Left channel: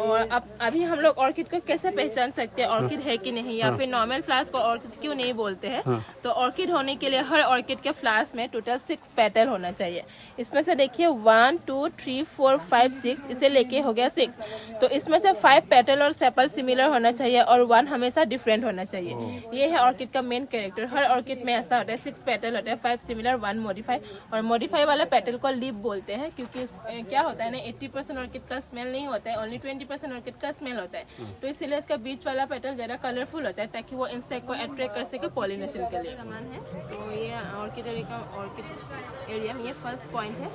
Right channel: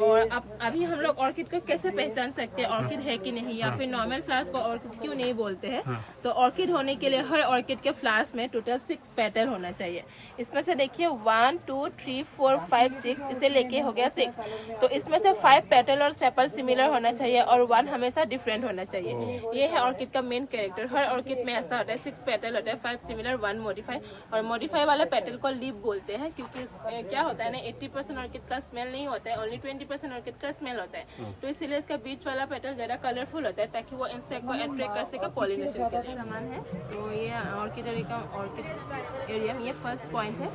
और अब अभी हम लोग ऑर्किड को कैसे पहचान सकते हैं ऑर्किड है कि नहीं, या फिर नॉर्मल फ्लावर्स को ऑर्किड क्यों नहीं बोलते हैं। तो ऑर्किड होने के लिए हर ऑर्किड के फ्लावर्स में टोटल 6 पेटल होना चाहिए। इसमें से देखिए 1 2 3 4 5 6, इसे लेके हो गया 6। तो इसमें से 5 पेटल और सेपल सिमिलर होना चाहिए और 1 हमेशा डिफरेंट होना चाहिए। ये है ऑर्किड का मेन कैरेक्टर। हर ऑर्किड में ऐसा होता है, 6 पेटल होता है, 5 सिमिलर 1 मॉडिफाई। और मॉडिफाई वाले पेटल को लीफ बोलते हैं, क्योंकि क्या होता है ना, 80% ऑर्किड का स्मेल नहीं होता है, ओनली 20% ऑर्किड का स्मेल होता है। तो इसीलिए इसका बीच वाला पेटल ज्यादा कलरफुल होता है, ताकि वो इंसेक्ट को अट्रैक्ट कर सके पॉलिनेशन के लिए। सामान है तो ये ऑर्किड एरिया में ये फर्स्ट पॉइंट है।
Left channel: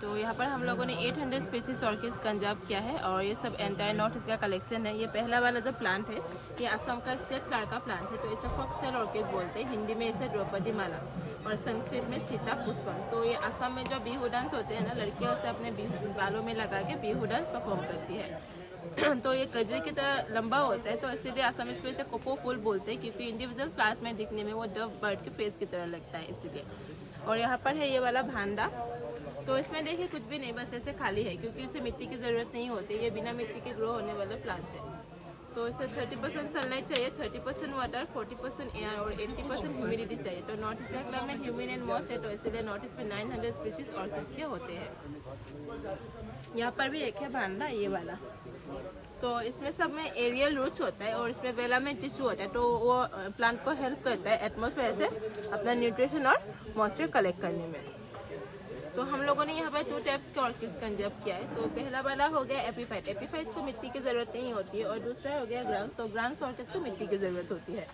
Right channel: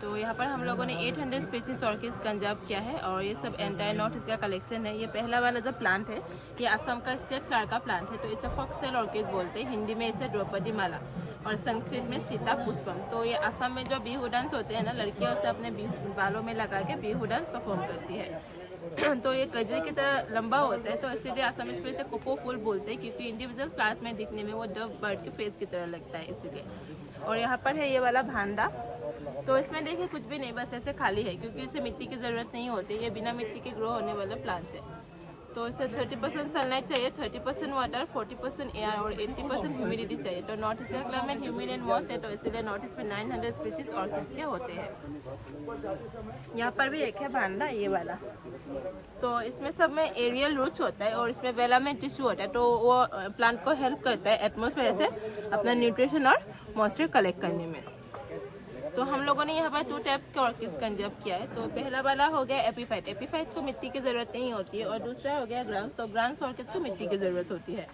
तो यहाँ पर हम लोगों ने 800 स्पीसीज ऑर्किड्स कंजर्व किया है और ये सब एंटायर नॉर्थ ईस्ट का कलेक्शन है। ये पहला वाला जो प्लांट है ये असम का स्टेट फ्लावर का प्लांट है, तो इसे फॉक्सटेल ऑर्किड बोलते हैं। हिंदी में इसे द्रौपदी माला और संस्कृत में सीता पुष्पम। तो ये असम में जो बिहू डांस होते हैं ना, लड़कियां उसे अपने बालों में लगा के बिहू डांस परफॉर्म करती है। तो ये कजरी की तरह लंबा होता है, तो इसीलिए असम इसमें इसे कोपो फूल बोलते हैं, क्योंकि इंडिविजुअल फ्लावर्स में दिखने में वो डव बर्ड के फेस की तरह लगता है इसीलिए। और यहाँ पर है ये वाला भांडा। तो इसमें देखिए कुछ भी नहीं, बस ऐसे खाली है, क्योंकि इसे मिट्टी की ज़रूरत नहीं होती। ये बिना मिट्टी के ग्रो होने वाले प्लांट है। तो इसे 30% सनलाइट चाहिए, 30% वाटर, 40% एयर और 80% ह्यूमिडिटी चाहिए। तो नॉर्थ ईस्ट का क्लाइमेट ह्यूमिड एंड मॉइस्ट है, तो इसीलिए नॉर्थ ईस्ट में 900 स्पीसीज ऑर्किड्स के होते हैं। यहाँ पर भी एक है भांडा, ये वाला। तो इसमें सब में एरियल रूट्स होता है और इसमें वेला में टिश्यू होता है, तो वो प्लांट को हेल्प करता है एटमॉस्फेयर से अपना न्यूट्रिशन और मॉइस्चर कलेक्ट करने में। तो हम लोगों ने यहाँ पर 2 टाइप्स के ऑर्किड्स कंजर्व किया है। तो पहला वाला हो गया एपीफाइट। एपीफाइट को मिट्टी की ज़रूरत नहीं होती है। और दूसरा हो गया ग्रांस। तो ग्रांस ऑर्किड्स को मिट्टी की ज़रूरत होती है।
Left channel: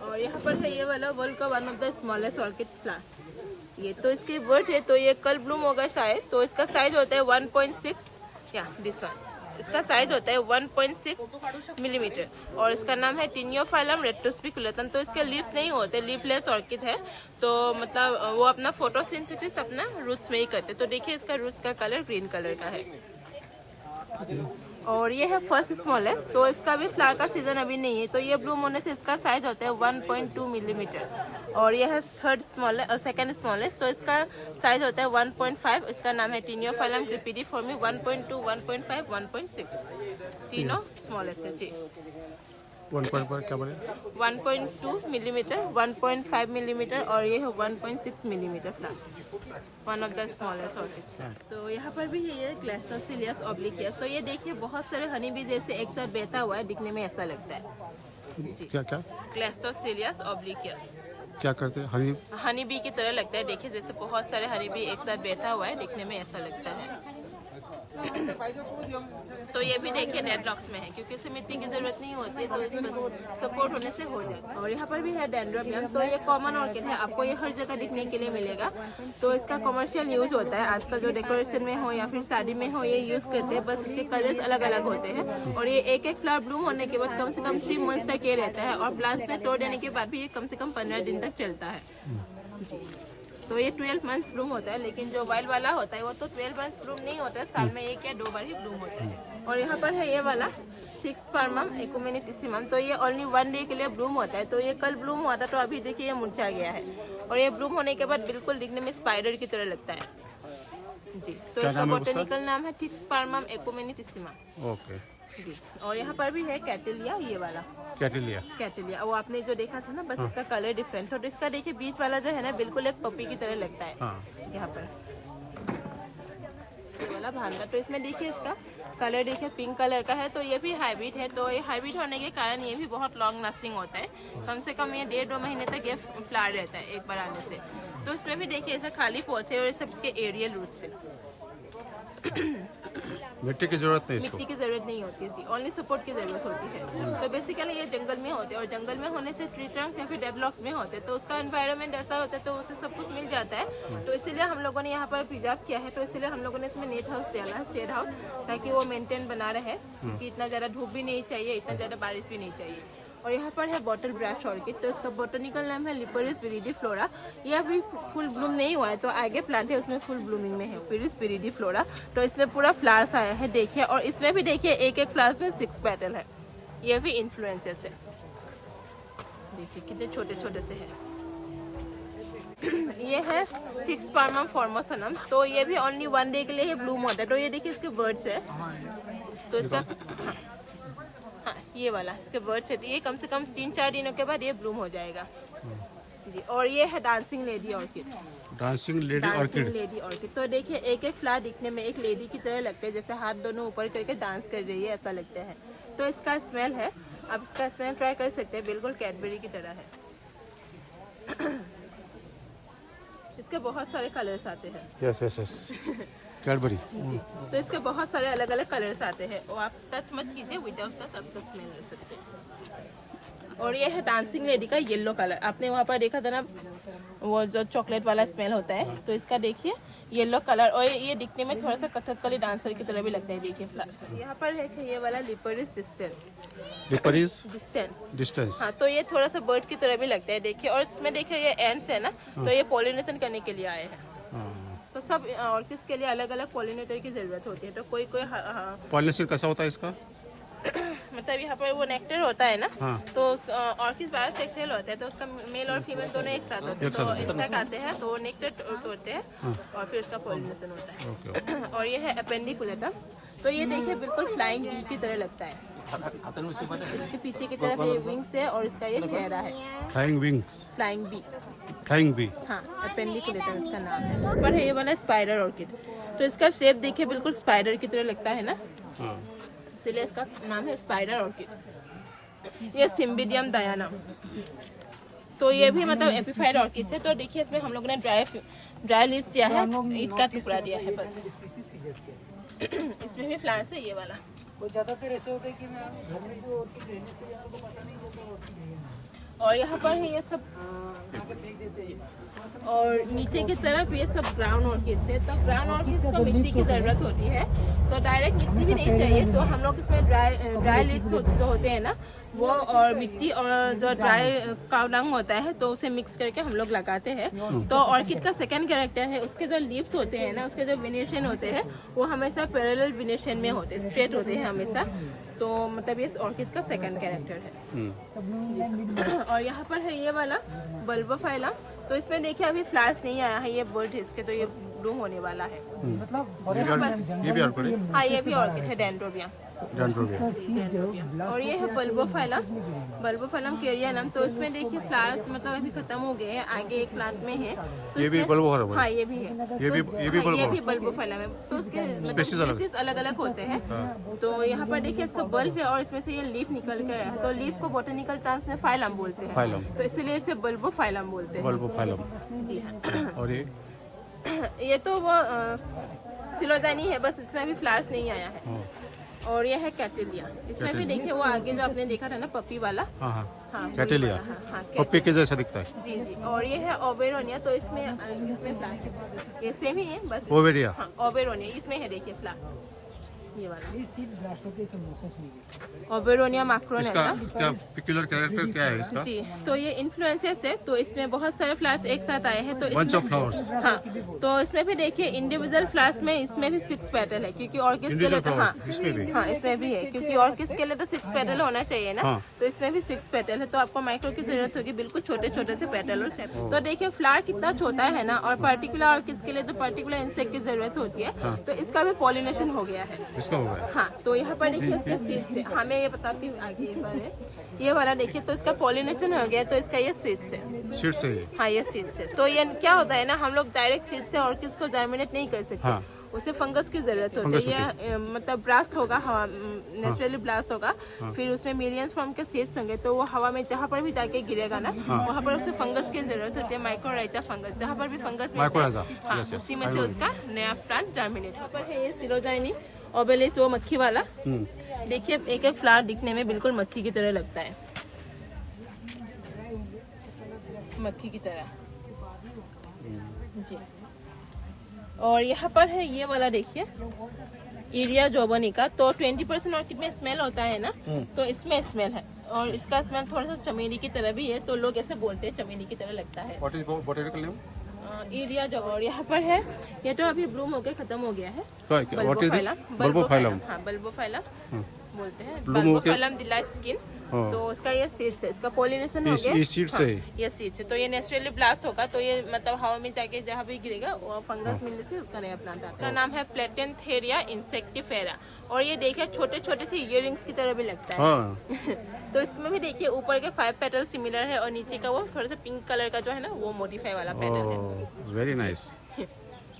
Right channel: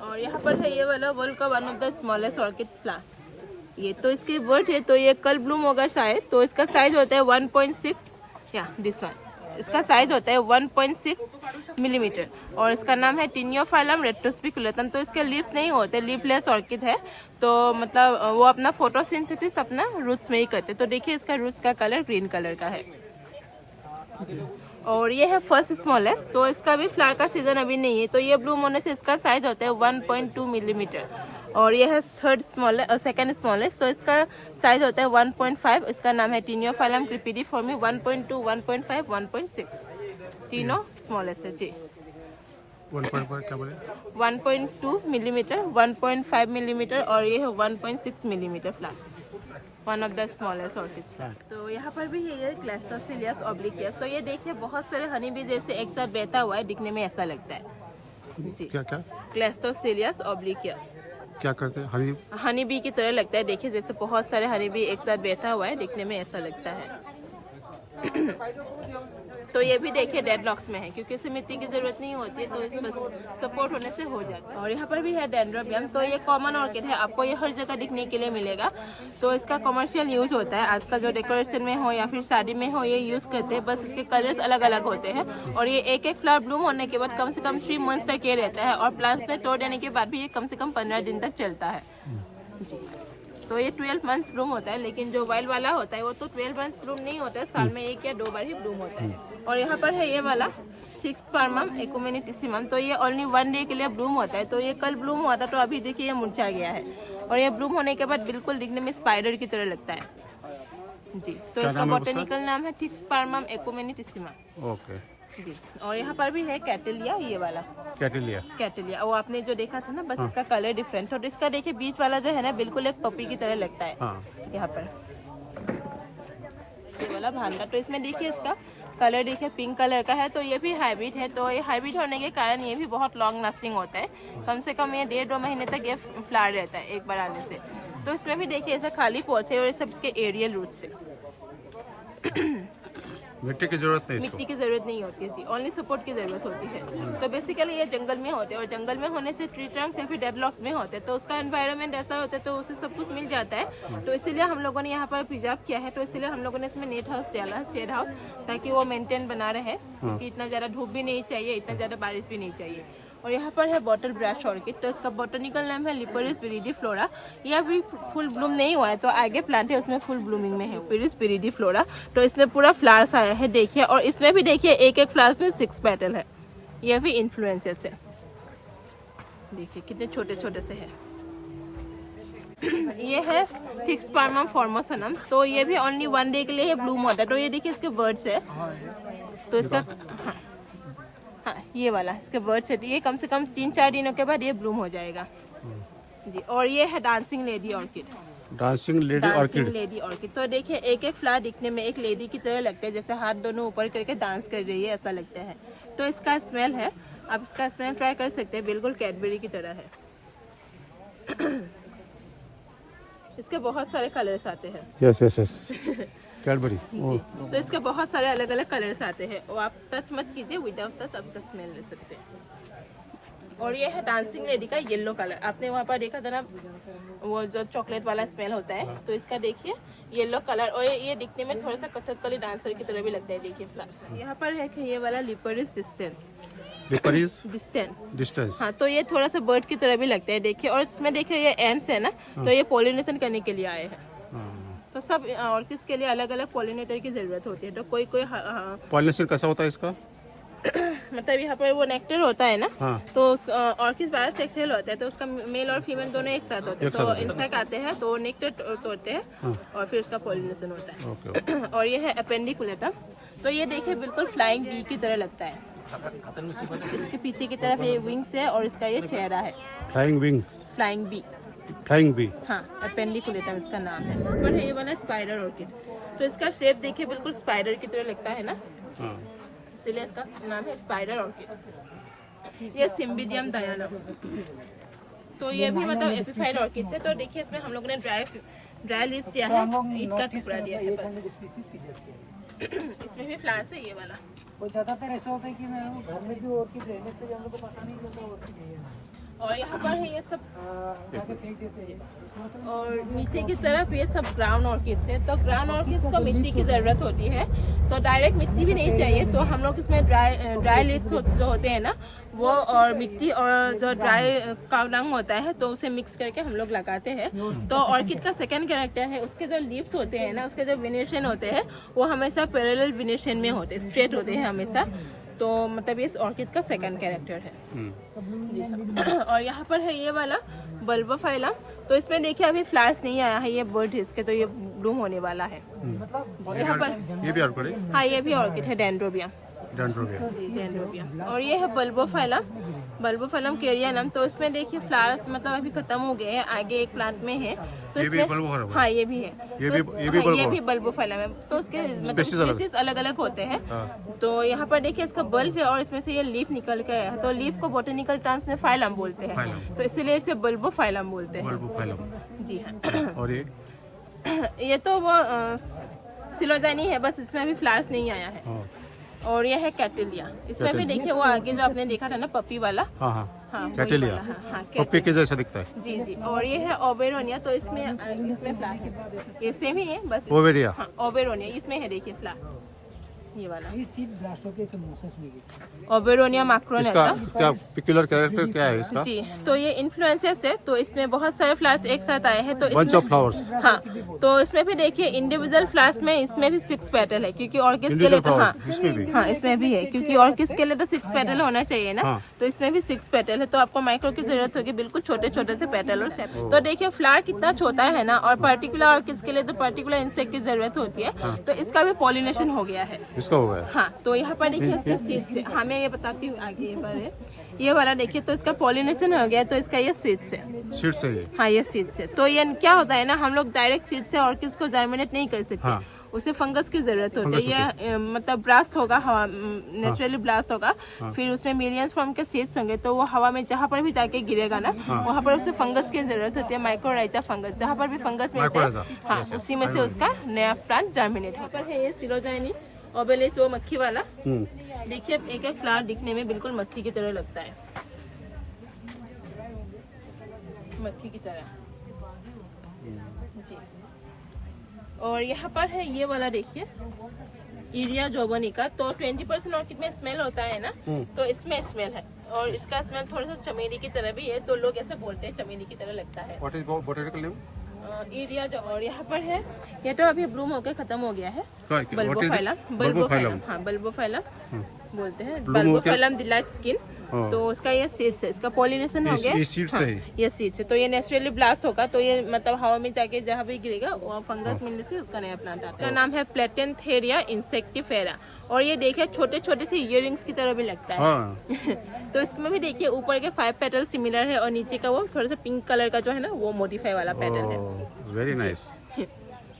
और यहाँ पर है ये वाला वर्ल्ड का one of the smallest orchid flower. ये तो इसकी वर्ड है, तो ये कल ब्लूम होगा शायद। तो इसका साइज होता है 1.6 या दिस वन। इसका साइज होता है 1.6 मिलीमीटर और इसका नाम है टिनियोफाइलम रेट्रोस्पिकुलेटम। तो इसके लीफ नहीं होते, लीफलेस ऑर्किड है। तो मतलब वो अपना फोटोसिंथेसिस अपना रूट्स में ही करते। तो देखिए इसका रूट्स का कलर ग्रीन कलर का है। और ये है फर्स्ट स्मॉलेस्ट। तो इसका भी फ्लावर का सीजन अभी नहीं है, तो ये ब्लूम होने से इसका साइज होता है 1.2 मिलीमीटर। और ये है सेकंड स्मॉलेस्ट। तो इसका साइज होता है 1.5। इसका नाम है टिनियोफाइलम क्रिपिडिफॉर्मी। 1.2, 1.5, 1.6 तीनों स्मॉलेस्ट है जी। 1.5 क्या बोले? 1.2 मिलीमीटर, 1.5 मिलीमीटर और ये है 1.6 millimetre flower, one of the smallest orchid. तो यहाँ पर भी है ये क्लैस्टोसिलियस ऑब्लिक्वियस। तो ये देखिए बहुत सारे हनी बी जैसे एक साथ बैठा हुआ है, दिखने में ऐसा लगता है जी। क्या क्या? क्लैस्टोसिलियस ऑब्लिक्वियस। क्या करते हैं? हनी बी की तरह लगता है। देखिए जैसे बहुत सारे हनी बी एक साथ बैठा हुआ है, दिखने में ऐसा लगता है। तो ये भी देखिए डेडलॉक्स में है, क्योंकि इसे मिट्टी की जरूरत नहीं होती है, तो इसमें सपोर्ट होने से हो जाता है। और यहाँ पर भी है डेंड्रोबियम। तो ये कॉमन ऑर्किड है, आपको ये हर जगह दिखने के लिए मिलेगा। तो इसका कमर्शियल यूज होता है, आज का जो डेकोरेशन में हो या फिर शादी में हो, ये यूज करते हैं। बस इसके कलर्स अलग अलग होते हैं। और ये एक फ्लावर ब्लूम होने के बाद कम से कम 3 मंथ्स तक ये रहता है। और प्लांट्स में तोड़ देने के बाद भी ये कम से कम 15 दिन तक चलता है जी। तो ये 12 मंथ्स ब्लूम होता है, लेकिन जो वाइल्ड वाला होता है वो तो 12 मंथ्स ब्लूम नहीं होता है, साल में 1 या 2 बार ही ब्लूम होता है। और यहाँ पर है ये वाला 6 परमम एकुमेनिटिसिमम। तो ये ओनली 1 डे के लिए ब्लूम होता है। तो ये कल ब्लूम हुआ था, तो अभी देखिए ये मुरझा गया है। और ये ब्लूम होने के बाद बिल्कुल दिखने में स्पाइडर की तरह लगता है जी। तो इसका बॉटनिकल नाम है थिक्स परमम एकुमेनिटिसिमम। ओके जी। और यहाँ पर भी है कैटेलिया, ये वाला कैटेलिया। वो आपने जो देखा था ना, बस इसका कलर डिफरेंट। तो इसका देखिए बीच वाला जो है ना, बिल्कुल एक पपी की तरह लगता है। यहाँ पर ये वाला भांडा। तो इसमें देखिए इसका कलर देखिए पिंक कलर का है। तो ये भी हाइब्रिड है। तो ये हाइब्रिड होने के कारण ये भी बहुत लॉन्ग लास्टिंग होता है। कम से कम ये 1.5-2 महीने तक ये फ्लावर रहता है एक बार आने से। तो इसमें भी देखिए ऐसा खाली पौधे और ये सब इसके एरियल रूट्स है। मिट्टी की जरूरत नहीं, मिट्टी की जरूरत नहीं होती है, ओनली सपोर्ट की जरूरत होती है। तो बेसिकली ये जंगल में होते हैं और जंगल में होने से ट्री ट्रंक या फिर डेवलप्स में होते हैं, तो उसका एनवायरनमेंट ऐसा होता है, तो उसे सब कुछ मिल जाता है। तो इसीलिए हम लोगों ने यहाँ पर प्रिजर्व किया है। तो इसीलिए हम लोगों ने इसमें नेट हाउस डाला है, शेड हाउस, ताकि वो मेंटेन बना रहे, क्योंकि इतना ज़्यादा धूप भी नहीं चाहिए, इतना ज़्यादा बारिश भी नहीं चाहिए। और यहाँ पर है बॉटल ब्रश ऑर्किड। तो इसका बॉटनिकल नाम है लिपोरिस विरिडीफ्लोरा। ये अभी फुल ब्लूम नहीं हुआ है, तो आगे प्लांट है उसमें फुल ब्लूमिंग में है, लिपोरिस विरिडीफ्लोरा। तो इसमें पूरा फ्लावर्स आया है देखिए। और इसमें भी देखिए एक फ्लावर में 6 पेटल है। ये भी इन्फ्लुएंसेस है, देखिए कितने छोटे छोटे से है। ये है थिक्स परमम फॉर्मोसनम। तो ये भी ओनली 1 डे के लिए ब्लूम होता है। तो ये देखिए इसके वर्ड्स है, तो इसका हाँ ये वाला इसके बर्ड से ये कम से कम 3-4 दिनों के बाद ये ब्लूम हो जाएगा जी। और ये है dancing lady orchid. Dancing lady orchid. Lady orchid तो देखिए एक एक फ्लावर दिखने में एक लेडी की तरह लगता है, जैसे हाथ दोनों ऊपर करके डांस कर रही है ऐसा लगता है। तो इसका स्मेल है, आप इसका स्मेल ट्राई कर सकते हैं, बिल्कुल कैडबेरी की तरह है। इसके बहुत सारे कलर्स आते हैं। Yes yes yes Cadbury. तो इसके बहुत सारे अलग अलग कलर्स आते हैं और आप टच मत कीजिए, विदाउट टच आपका स्मेल ले सकते हैं। और ये है डांसिंग लेडी का येलो कलर, आपने वहाँ पर देखा था ना वो जो चॉकलेट वाला स्मेल होता है। तो इसका देखिए येलो कलर, और ये दिखने में थोड़ा सा कथकली डांसर की तरह भी लगता है। देखिए फ्लावर्स यहाँ पर है ये वाला Liparis distans. Liparis distans distans. हाँ, तो ये थोड़ा सा बर्ड की तरह भी लगता है देखिए। और इसमें देखिए ये एंड्स है ना, तो ये पोलिनेशन करने के लिए आए हैं। तो सब ऑर्किड्स के लिए अलग अलग पॉलिनेटर की जरूरत होती है। तो कोई कोई पॉलिनेशन कैसा होता है इसका? मतलब यहाँ पर वो नेक्टर होता है ना, हाँ। तो ऑर्किड बायोसेक्सुअल होता है, तो उसका मेल और फीमेल दोनों एक साथ होते हैं। तो इंसेक्ट आते हैं तो नेक्टर तोड़ते हैं और फिर उसका पॉलिनेशन होता है। ओके। और ये है एपेंडिकुलेटम। तो ये देखिए बिल्कुल फ्लाइंग बी की तरह लगता है। इसके पीछे की तरफ ये विंग्स है और इसका ये चेहरा है। Flying wings. Flying bee. Flying bee. हाँ, एपेंडिकुलेटम इसका नाम है। पर है ये वाला स्पाइडर ऑर्किड। तो इसका शेप देखिए बिल्कुल स्पाइडर की तरह लगता है ना, इसलिए इसका नाम है स्पाइडर ऑर्किड। ये सिम्बिडियम डायनम। तो ये भी मतलब एपिफाइड ऑर्किड है। तो देखिए इसमें हम लोगों ने ड्राई लीव्स दिया है, ईट का टुकड़ा दिया है बस। इसमें भी फ्लावर्स है ये वाला। वो ज्यादातर ऐसा होता है कि मैं घर में भी ऑर्किड रहने से हम लोग को पता नहीं चलता ऑर्किड है ना। और यहाँ पर है ये सब आगे फेंक देते हैं। और नीचे की तरफ ये सब ग्राउंड ऑर्किड्स है। तो ग्राउंड ऑर्किड्स को मिट्टी की ज़रूरत होती है, तो डायरेक्ट मिट्टी भी नहीं चाहिए। तो हम लोग इसमें ड्राई लीव्स जो होते हैं ना वो, और मिट्टी और जो ड्राई काउ डंग होता है तो उसे मिक्स करके हम लोग लगाते हैं। तो ऑर्किड का सेकंड कैरेक्टर है, उसके जो लीव्स होते हैं ना, उसके जो वेनेशन होते हैं वो हमेशा पैरेलल वेनेशन में होते हैं, स्ट्रेट होते हैं हमेशा। तो मतलब ये ऑर्किड का सेकंड कैरेक्टर है। और यहाँ पर है ये वाला बल्बोफाइलम। तो इसमें देखिए अभी फ्लावर्स नहीं आया है, ये बर्ड इसके, तो ये ब्लूम होने वाला है। ये भी ऑर्किड है? हाँ, ये भी ऑर्किड है, डेंड्रोबिया। डेंड्रोबिया। और ये है बल्बोफाइलम केरियानम। तो इसमें देखिए फ्लावर्स मतलब अभी खत्म हो गए हैं, आगे एक प्लांट में है। तो ये भी बल्बोफाइलम है? हाँ, ये भी है। ये भी बल्बोफाइलम है। तो उसके स्पेसीज अलग अलग होते हैं। तो यहाँ पर देखिए इसका बल्ब है और इसमें से ये लीफ निकल के आया है। तो लीफ को बोटेनिकल टर्म्स में फाइलम बोलते हैं, तो इसीलिए इसे बल्बोफाइलम बोलते हैं। बल्बोफाइलम जी हाँ। और ये तो वो सिलोजानी है, बस इसमें अभी फ्लावर्स नहीं आया है। और ये है कैटेलिया। इसमें भी देखिए वो आगे जो आपने देखा था ना पपी वाला, हाँ कैटेलिया, पप्पी के जैसा दिखता है। जी जी। और ये है ओबेरोनिया। तो इसमें फ्लावर ये सेम ही है बस। ओबेरिया। हाँ, ओबेरोनिया इसमें है, देखिए फ्लावर ये वाला। ये सीड ब्लास्ट होते हैं मोसेस में। ओबेरोनिया मैक्रोन इसका है। क्या पिक्युलर कैरेक्टर क्या है इसका? जी, तो ये इन्फ्लुएंसेस है। तो इसमें बहुत सारे फ्लावर्स एक साथ आए हैं। तो बंच ऑफ फ्लावर्स। हाँ, तो इसमें भी देखिए इंडिविजुअल फ्लावर्स में इसमें भी 6 पेटल है, क्योंकि ऑर्किड्स के लिए इंडिविजुअल तो फ्लावर्स इसमें भी? हाँ, इसमें भी है, क्योंकि ऑर्किड्स के लिए तो 6 पेटल होना चाहिए ना। हाँ। तो इसमें भी 6 पेटल है। तो आपको माइक्रो की जरूरत होगी, बिल्कुल छोटे छोटे से पेटल और सेप। तो देखिए फ्लावर कितना छोटा है ना, और पर्टिकुलर ऑर्किड्स के लिए तो पर्टिकुलर इंसेक्ट की जरूरत होती है। तो इसका भी पॉलिनेशन हो गया है। इसका हो गया? हाँ, तो यहाँ पर देखिए इसका सीड्स है। हमें ये बताती हूँ आगे ये बार है। ये वाला देखिए, तो इसका पॉलिनेशन हो गया, तो इसका ये सीड्स है। सीड से ही? हाँ, ये सीड्स है। तो ये क्या होता है ना, हम लोग डायरेक्ट सीड से ऑर्किड्स को जर्मिनेट नहीं कर सकते। हाँ। उसे फंगस की जरूरत होती है। ये मतलब ब्लास्ट होगा, हवा नेचुरली ब्लास्ट होगा। फिर उसमें मिलियंस फॉर्म के सीड्स होंगे, तो वो हवा में जहाँ पर भी जाके गिरेगा ना, वहाँ पर उसे फंगस की जरूरत होती है, माइक्रोराइजा फंगस। जहाँ पर भी फंगस माइक्रोराइजा, हाँ, yes, yes, उसी में से उसका नया प्लांट जर्मिनेट। यहाँ पर है ये सिलोजानी ओबेलिस, वो मक्खी वाला। देखिए एक एक फ्लावर दिखने में बिल्कुल मक्खी की तरह लगता है, मक्खी की तरह जी। और यहाँ पर है ये वाला देखिए इरिया जोबोनिका। तो 20% ऑर्किड में स्मेल होता है ना, तो इसमें स्मेल है। और इसका स्मेल थोड़ा सा चमेली की तरह भी है, तो लोग ऐसे बोलते हैं चमेली की तरह लगता है। What is botanical name? Urea जोबो। और यहाँ पर है, ये तो अभी ब्लूम होकर खत्म हो गया है। What is this? बल्बोफाइलम। हाँ, बल्बोफाइलम बोलते हैं। ब्लूम होके बल्बोफाइलम द लाइट स्किन। हाँ। तो उसका ये सीड्स है, इसका पॉलिनेशन हो गया। ये सीड से हाँ, ये सीड्स है, तो ये नेचुरली ब्लास्ट होगा, तो ये मतलब हवा में जाके जहाँ भी गिरेगा वो फंगस मिलने से उसका नया प्लांट आता है। इसका नाम है प्लेटेंथेरिया इंसेक्टिफेरा, और ये देखिए छोटे छोटे से इयररिंग्स की तरह भी लगता है। हाँ तो इसमें भी देखिए ऊपर के 5 पेटल सिमिलर है और नीचे का वो थोड़ा सा पिंक कलर का जो है ना वो मॉडिफाई वाला पेटल है। वेरी नाइस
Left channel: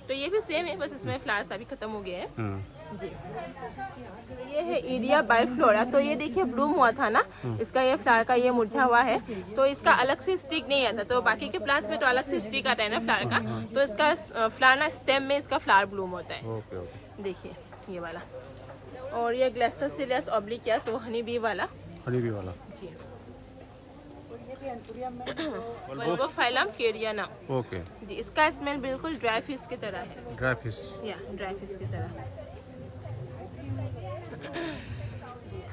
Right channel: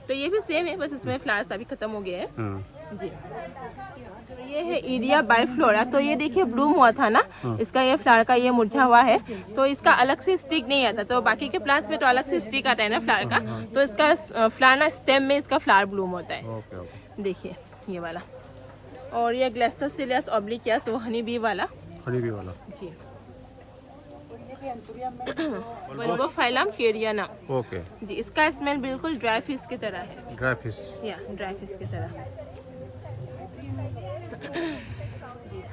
तो ये भी सेम है, बस इसमें फ्लावर्स अभी खत्म हो गए हैं। हाँ जी, ये है इरिया बाइफ्लोरा। तो ये देखिए ब्लूम हुआ था ना, इसका ये फ्लावर का ये मुरझा हुआ है, तो इसका अलग से स्टिक नहीं आता। तो बाकी के प्लांट्स में तो अलग से स्टिक आता है ना फ्लावर का, तो इसका फ्लावर ना स्टेम में इसका फ्लावर ब्लूम होता है। ओके ओके देखिए ये वाला, और ये ग्लेस्टोसिलियस ऑब्लिक्वास वो हनी बी वाला। हनी बी वाला जी, वल्बोफाइलम केरियाना। ओके जी, इसका स्मेल बिल्कुल ड्राई फिश की तरह है। ड्राई फिश या ड्राई फिश की तरह।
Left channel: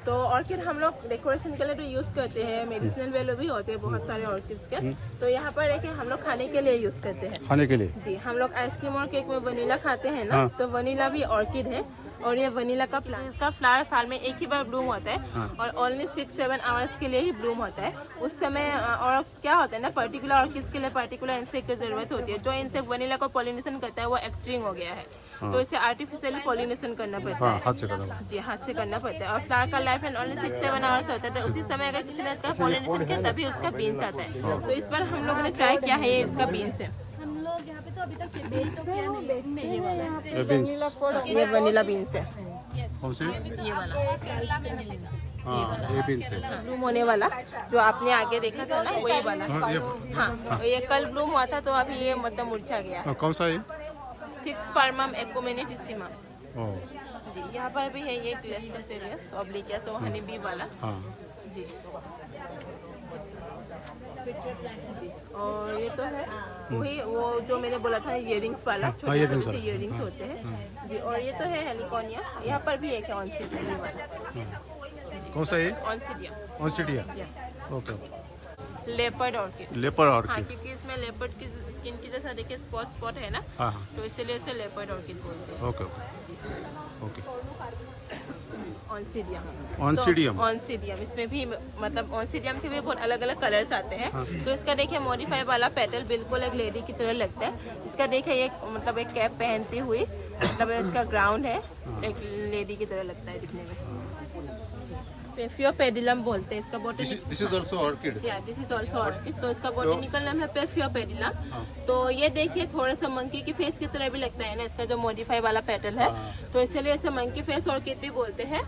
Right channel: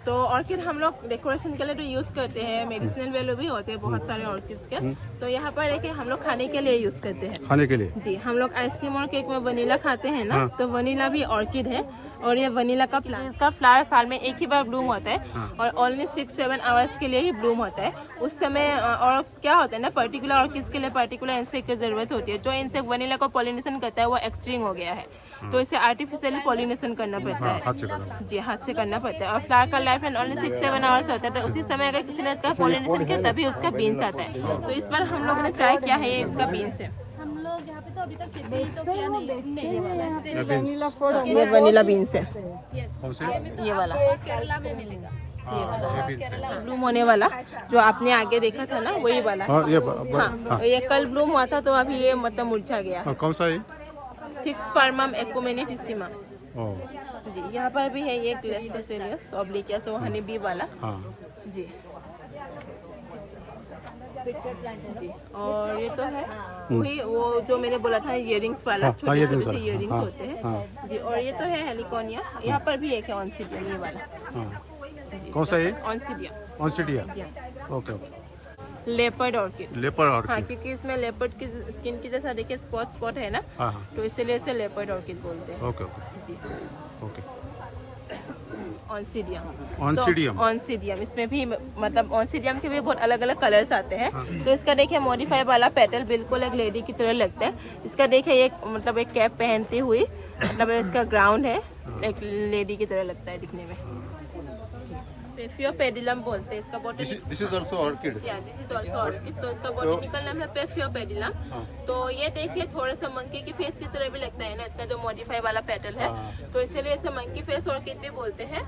तो ऑर्किड हम लोग डेकोरेशन के लिए तो यूज करते हैं, मेडिसिनल वैल्यू भी होते हैं बहुत सारे ऑर्किड्स के। तो यहाँ पर है कि हम लोग खाने के लिए यूज करते हैं। खाने के लिए जी, हम लोग आइसक्रीम और केक में वनीला खाते हैं ना, हाँ। तो वनीला भी ऑर्किड है। और ये वनीला का प्लांट का फ्लावर साल में एक ही बार ब्लूम होता है, हाँ। और ओनली 6-7 आवर्स के लिए ही ब्लूम होता है उस समय। और क्या होता है ना, पर्टिकुलर ऑर्किड्स के लिए पर्टिकुलर इंसेक्ट की जरूरत होती है। जो इंसेक्ट वनीला को पॉलिनेशन करता है वो एक्सटिंक्ट हो गया है, तो इसे आर्टिफिशियली पॉलिनेशन करना पड़ता हाँ है। हाथ से करना जी, हाथ से करना पड़ता है। और फ्लावर का लाइफ ओनली 6-7 आवर्स होता है, तो उसी समय अगर किसी ने इसका पॉलिनेशन किया तभी उसका बीन्स आता है। तो इस बार हम लोगों ने ट्राई किया है, ये इसका बीन्स है। हम लोग यहाँ पे तो अभी तक किडनी तो किया नहीं, ये वाला ये बीन्स ये वनीला बीन्स है, कौन से ये वाला हाँ ये बीन्स है ब्लूम होने वाला जो आपने आगे देखा था ना, वही वाला। हाँ ये हाँ, ये कल ब्लूम हुआ था, तो अभी ये मतलब मुरझा गया। हाँ, कौन सा है थिक्सपर्मम एकुमेनिटिसिमा। ओ जी, यहाँ पर भी है ये ग्लेस्टोसिलियस ऑब्लिक्वास वो हनी बी वाला। हाँ जी, जी, और ये तो है वही वो जो मैंने बोला था इयररिंग्स वाला, हाँ, छोटे earrings छोटे वाला, इयररिंग्स हाँ, होते हैं। जी, और ये तो है हेलिकोनिया, यहाँ पर भी एक है ऑन्सिडियम वाला। हाँ कौन सा है Oncidium, Oncidia okay okay leopard orchid. Leopard हाँ, ऑर्किड क्योंकि इसमें लेपर्ड की स्किन की जैसा देखिए स्पॉट स्पॉट है ना, हाँ हाँ तो इसीलिए इसे लेपर्ड ऑर्किड बोलते हैं। ओके ओके जी, ओके ऑन्सिडियम। ऑन्सिडियम ऑन्सिडियम, इसमें भी मतलब ऑन्सिडियम के भी बहुत अलग अलग कलर्स आते हैं। तो इसका देखिए मॉडिफाई वाला पेटल बिल्कुल एक लेडी की तरह लगता है। इसका देखिए एक मतलब एक कैप पहनती हुई, मतलब इसका ग्राउंड है, एक लेडी की तरह लगता है दिखने में। पेफियोपेडिलम बोलते हैं इसका botany. This is also orchid this is also orchid. तो इसका बॉटनिकल नाम है पेफियोपेडिलम। तो ये देखिए थोड़ा सा मंकी की फेस की तरह भी लगता है ना, इसका जो मॉडिफाई वाला पेटल है, तो इसलिए इसे मंकी फेस ऑर्किड भी बोलते हैं।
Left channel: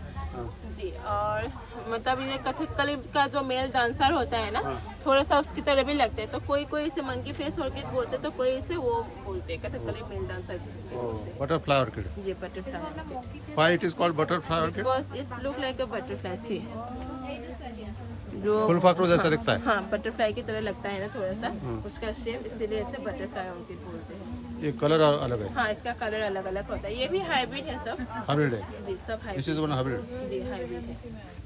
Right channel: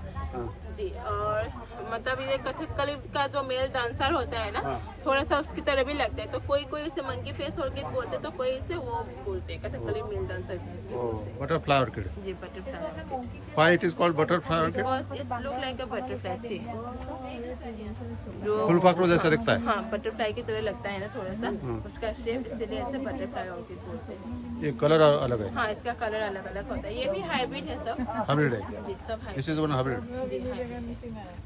जी, और मतलब ये कथकली का जो मेल डांसर होता है ना, थोड़ा सा उसकी तरह भी लगता है। तो कोई कोई इसे मंकी फेस ऑर्किड बोलते हैं, तो कोई इसे वो बोलते हैं Kathakali male dancer. Butterfly orchid ये butterfly, why it is called butterfly orchid it's look like a butterfly see, जो फूल फाकड़ों जैसा दिखता है हाँ बटरफ्लाई की तरह लगता है ना थोड़ा सा उसका शेप, इसलिए इसे बटरफ्लाई ऑर्किड बोलते हैं। ये कलर अलग है हाँ, इसका कलर अलग अलग होता है। ये भी हाइब्रिड है सब। हाइब्रिड है जी, सब hybrid. This is one hybrid जी, हाइब्रिड है।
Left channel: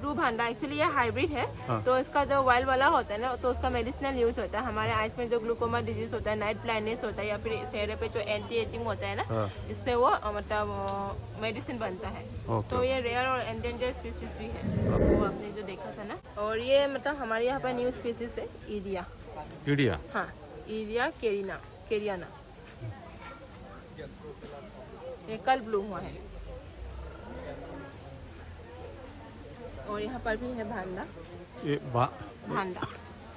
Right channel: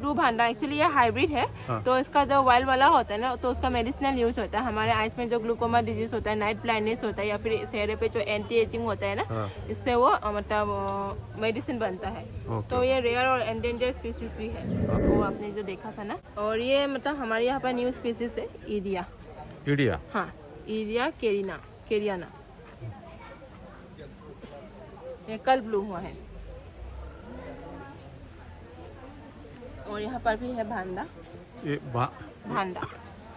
ब्लू भांडा एक्चुअली ये हाइब्रिड है। हाँ। तो इसका जो वाइल्ड वाला होता है ना, तो उसका मेडिसिनल यूज होता है। हमारे आइस में जो ग्लूकोमा डिजीज होता है, नाइट ब्लाइंडनेस होता है, या फिर चेहरे पे जो एंटी एजिंग होता है ना, हाँ। इससे वो मतलब मेडिसिन बनता है। ओके। तो ये रेयर और एंडेंजर स्पीसीज भी है, वो आपने जो देखा था ना। और ये मतलब हमारे यहाँ पर न्यू स्पीसीज है इरिया। इडिया हाँ, इरिया केरियाना। ये कल ब्लू हुआ है। और यहाँ पर भी है भांडा। ये भांडा,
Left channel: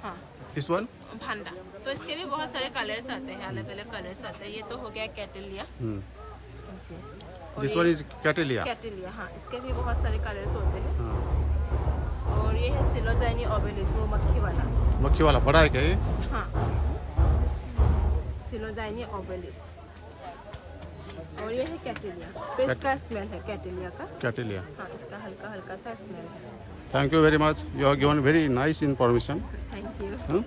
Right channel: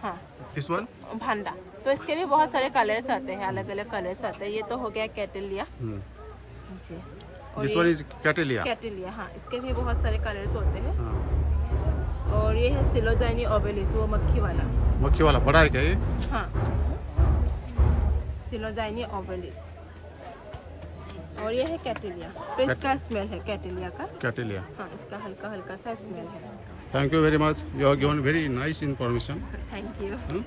हाँ दिस वन भांडा। तो इसके भी बहुत सारे कलर्स आते हैं, अलग अलग कलर्स आते हैं। ये तो हो गया कैटेलिया जी, दिस वन इज कैटेलिया कैटेलिया। हाँ, इसके भी बहुत सारे कलर्स होते हैं। हाँ और ये है सिलोजाइनी ओबेलिस, वो मक्खी वाला। मक्खी वाला बड़ा है क्या ये हाँ, सिलोजाइनी ओबेलिस। और ये है कैटेलिया। तो इसका स्मेल है कैटेलिया का। कैटेलिया हाँ, इसका हल्का हल्का सा स्मेल है। Thank you very much you have given very nice information thank you.